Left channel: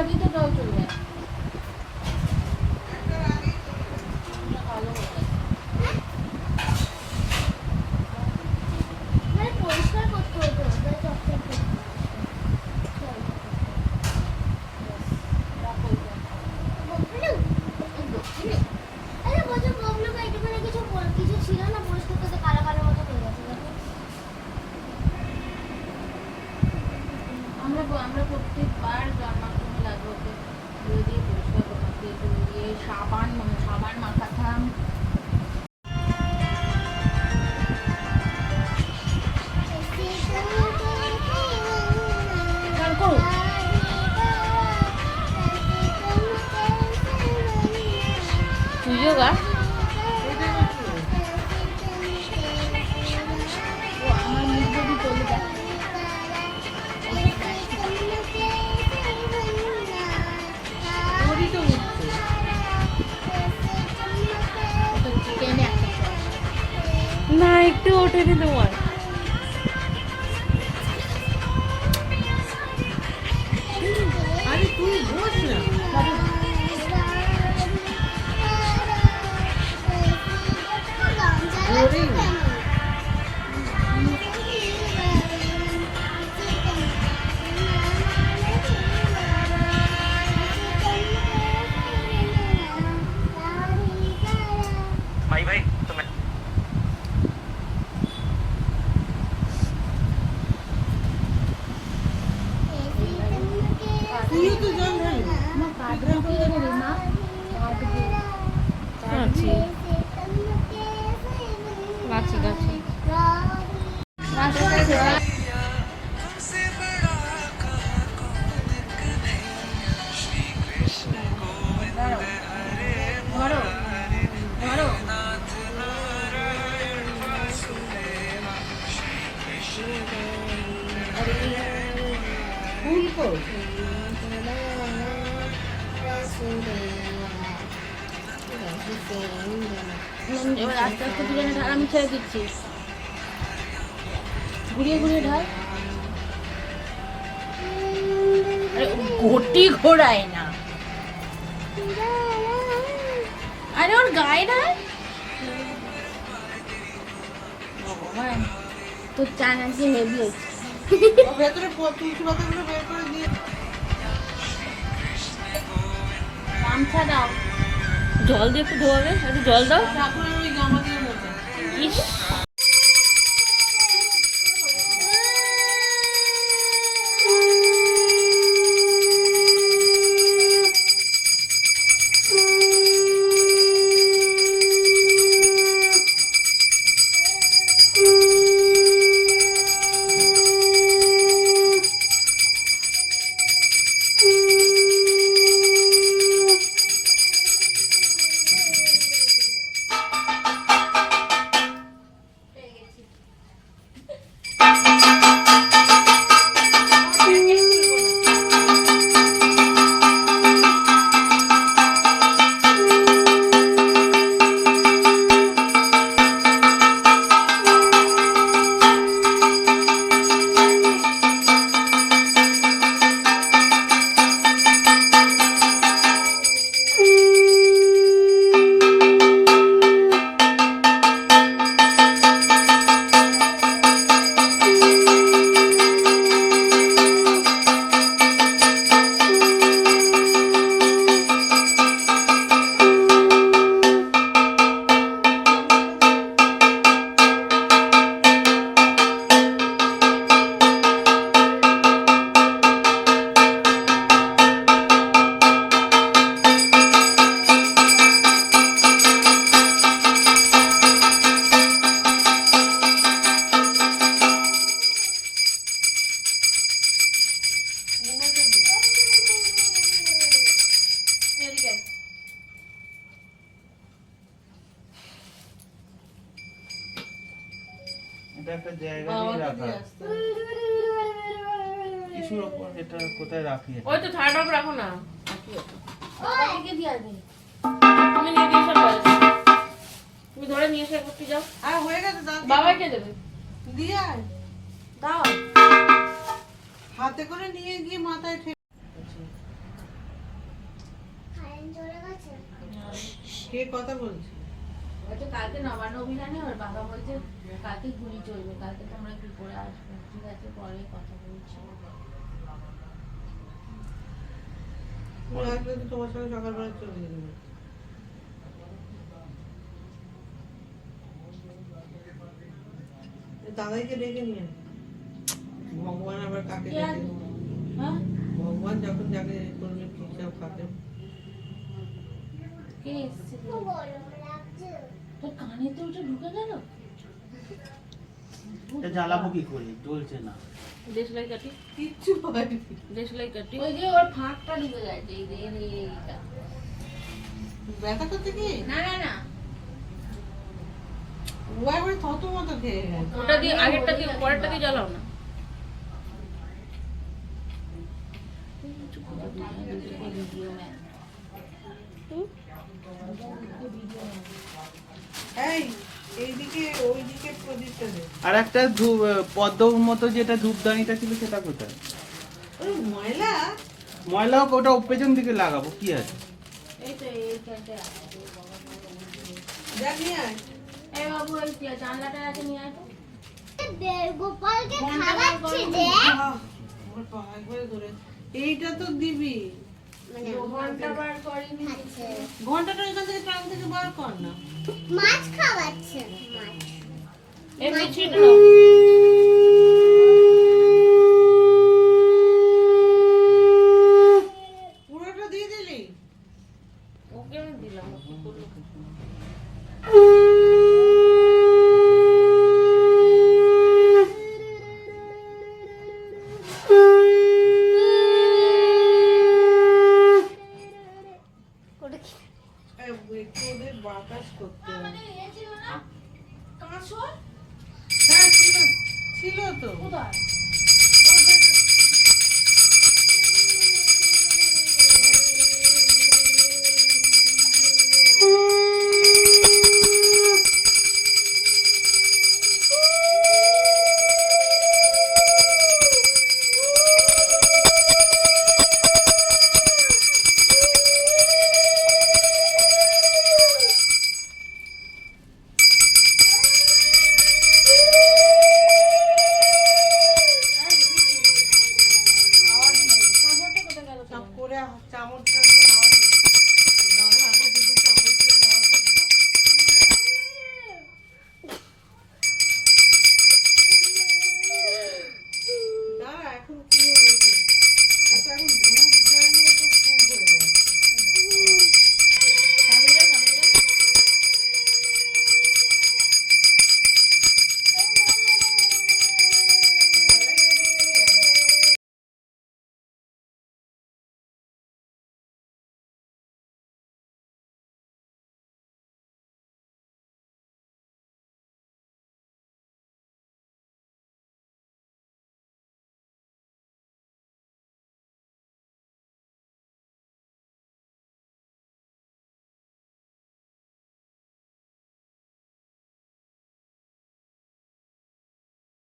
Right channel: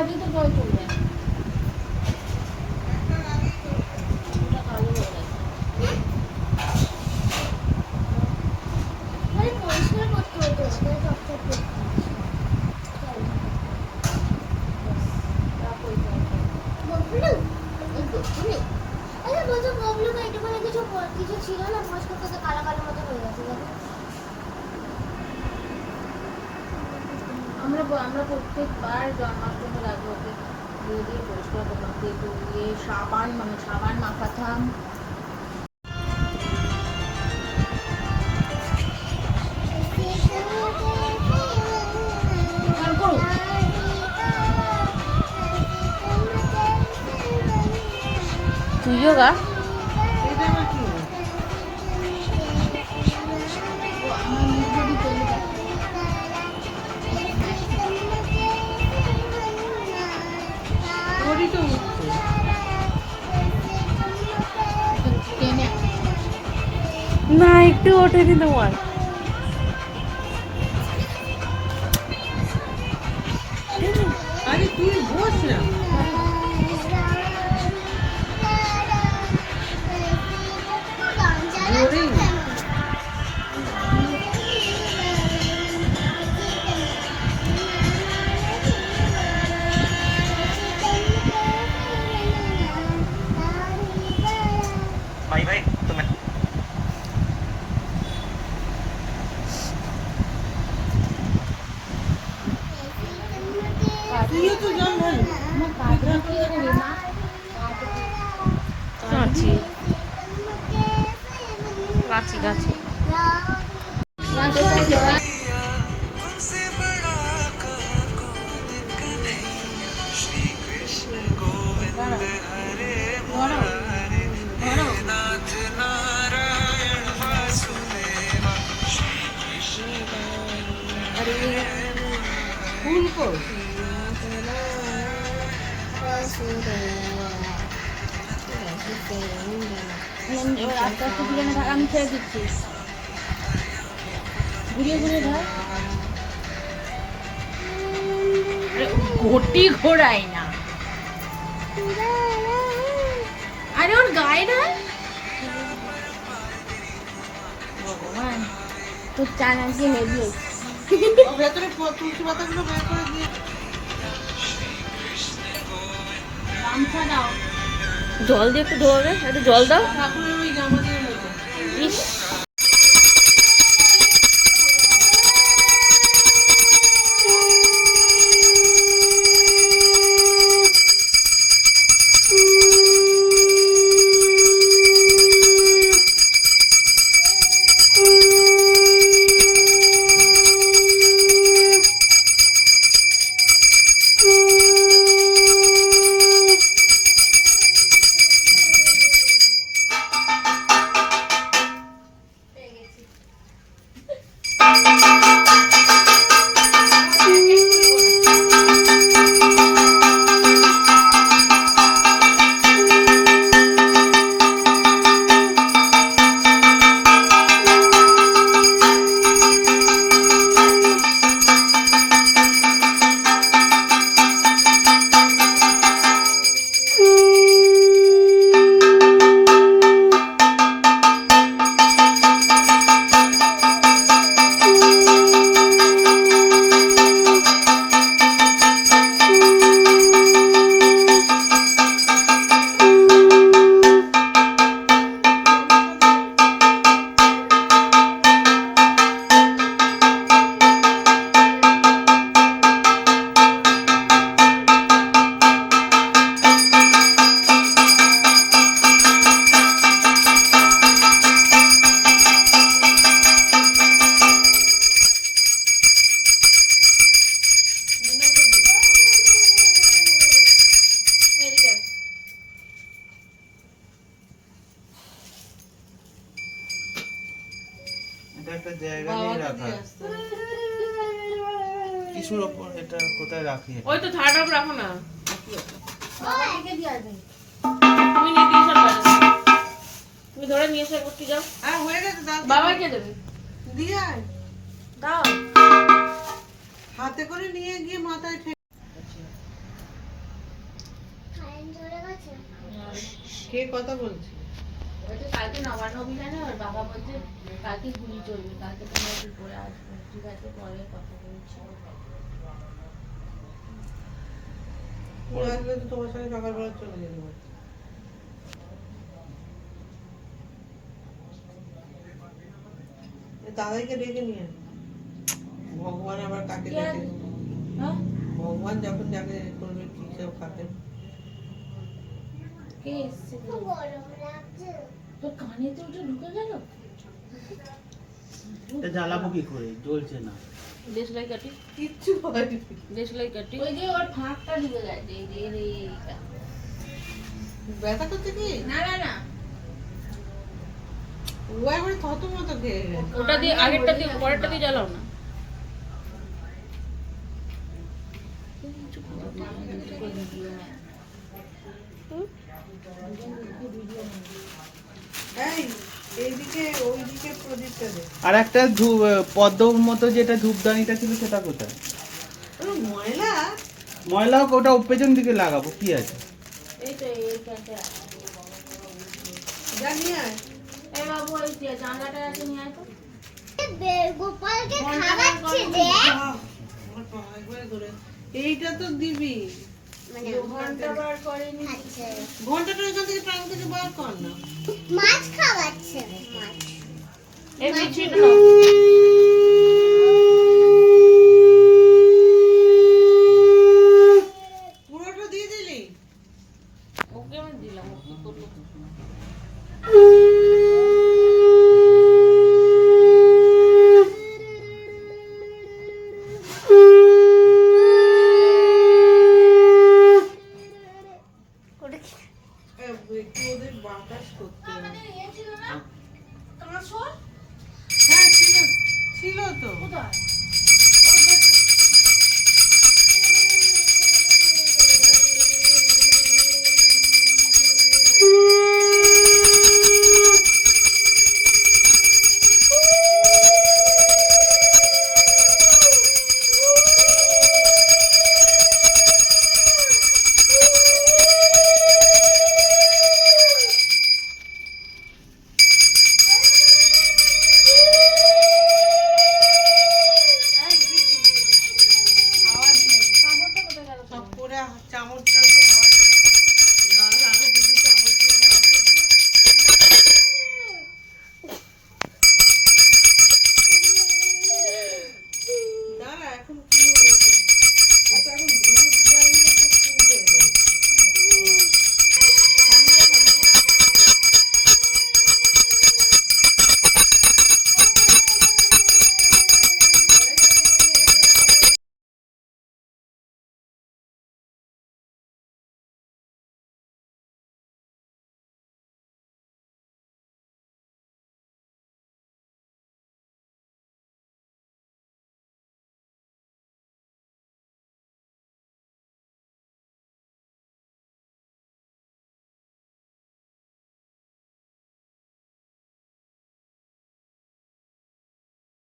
খাবি তো তাও চলে যায়। কালো হয়ে গেছে। পরিষ্কার করতে হতো চকচক করতে। কিছু ছিল না পরিষ্কার করতে কালা কালো মতো হয়ে গেছে। আমরা প্রত্যেকবার জন্মাষ্টমী লাগবে ওকে ধুয়ে দিয়ে পরিষ্কার করতাম, দিয়ে সাবান মাখাতাম। তুইও গা। আমার মুখ যদি চলে যায় তো উঠছে না, একটু ওঠেনি তোমার। আরে তুই বস না। ধরেই না। भाई भाई तो मैं তুইও তো জল ঢালি। গাছি গাছি গাছি ফুল কই? এবার আস্তে আস্তে দুজনে ধার আমি ছেড়ে দিচ্ছি, ঘুরিয়ে ঘুরিয়ে ধার। ঘটি ঘোরায় না, আরে ওর গায়ে না। ভগবান, তোর চান আজকে হেভি হয়েছে। ও ভেতরে তুলসী পাতাগুলো বের করে দিয়ে গামছা দাও। জল দিয়ে একটু ধোয়াবে, একটু জল দাও। ঠাকুরের ওই জামা দিয়ে মতো। ইস, এটা একটা জায়গা নিয়ে রাখা কিছুর ওপর। এটা কোথায় রাখি? ওই তো থালাটা উপর রাখো না। বাবাকে দিয়ে আসবে। তুমি নিয়ে দিয়ে এসো ব্যাস। তুমি ধরে নিয়ে এসে করতে যাও। আর হয়ে গেছে দাও। বাবাকে দেবে, দিয়ে আয়। দাও। হাতে করে নিয়ে গিয়ে মাথায় ঠেকে। চলে গেছে। কে কথা বলছে? বলছে কালকে নবান্ন অভিযানে ওর বাবা বলছে কালকে গুলি চলবে, কালকে তোমরা কি করে আসবে। ঠিক আছে, পরে কথা বলছি। ওরা আসবে তো তোমার সঙ্গে সকালবেলা চলে যাবে। দাদাইকে ডেকে নিয়ে আয়। ভগবান আবার কাকে কি আর- ডেকে? হ্যাঁ, ভগবান যখন যাকে করবে কি সব কাকে? কে এসছে? খুব গরম লাগছে। তোর কানে তো ওটা ঢুকে গেল। এটা জ্বালাবো কি করে? জ্বলছে না। দেশলাই কাটি, কিচ্ছু হয়নি। দেশলাই কাটি। ওই যে ওর ফাঁকটা ঢুকে গেছে, এই যে এইটা। ব্যথা করছে কি? না না না, ও একবারে থত মতো খেয়ে গেছে। ওটা দিয়ে আগেরটা দিয়ে পরেরটা দিয়ে জ্বালাও না। Video man. এই এইদিকে ওইদিকে প্রদীপটা দে। আর একটা পদ্ম মতো যেটা ধূপদানিটা ছিল সেটা কোথায়? ওরে ময়লা। ময়লা হোক, ওটা পেছন দিকে লাগাবো, কি আছে? এই তো এইখানটা। যা নিয়ে আয়। এই বাবু, ওই জানলাটা আছে, নিয়ে আয় তো। গোপালকে ঘন্টা খাওয়াচ্ছে বার যে আহ, আমার পা একবারে ধরে। এইটা তো দিবি। মানে ঘন্টা বার করেনি। খাচ্ছে ঘন্টাটা এখান থেকে টান থেকে বার কর না। মাছ খাওয়াচ্ছে মাছ এমনি ছিটলো। পুরোটা দিয়ে দিলি? ওকে আমি দিলাম, ও কি করলো? একটু ওদের বাতাস করতে হবে। কাঁসর? হ্যাঁ ছিল, ছিল তো। কোথায়?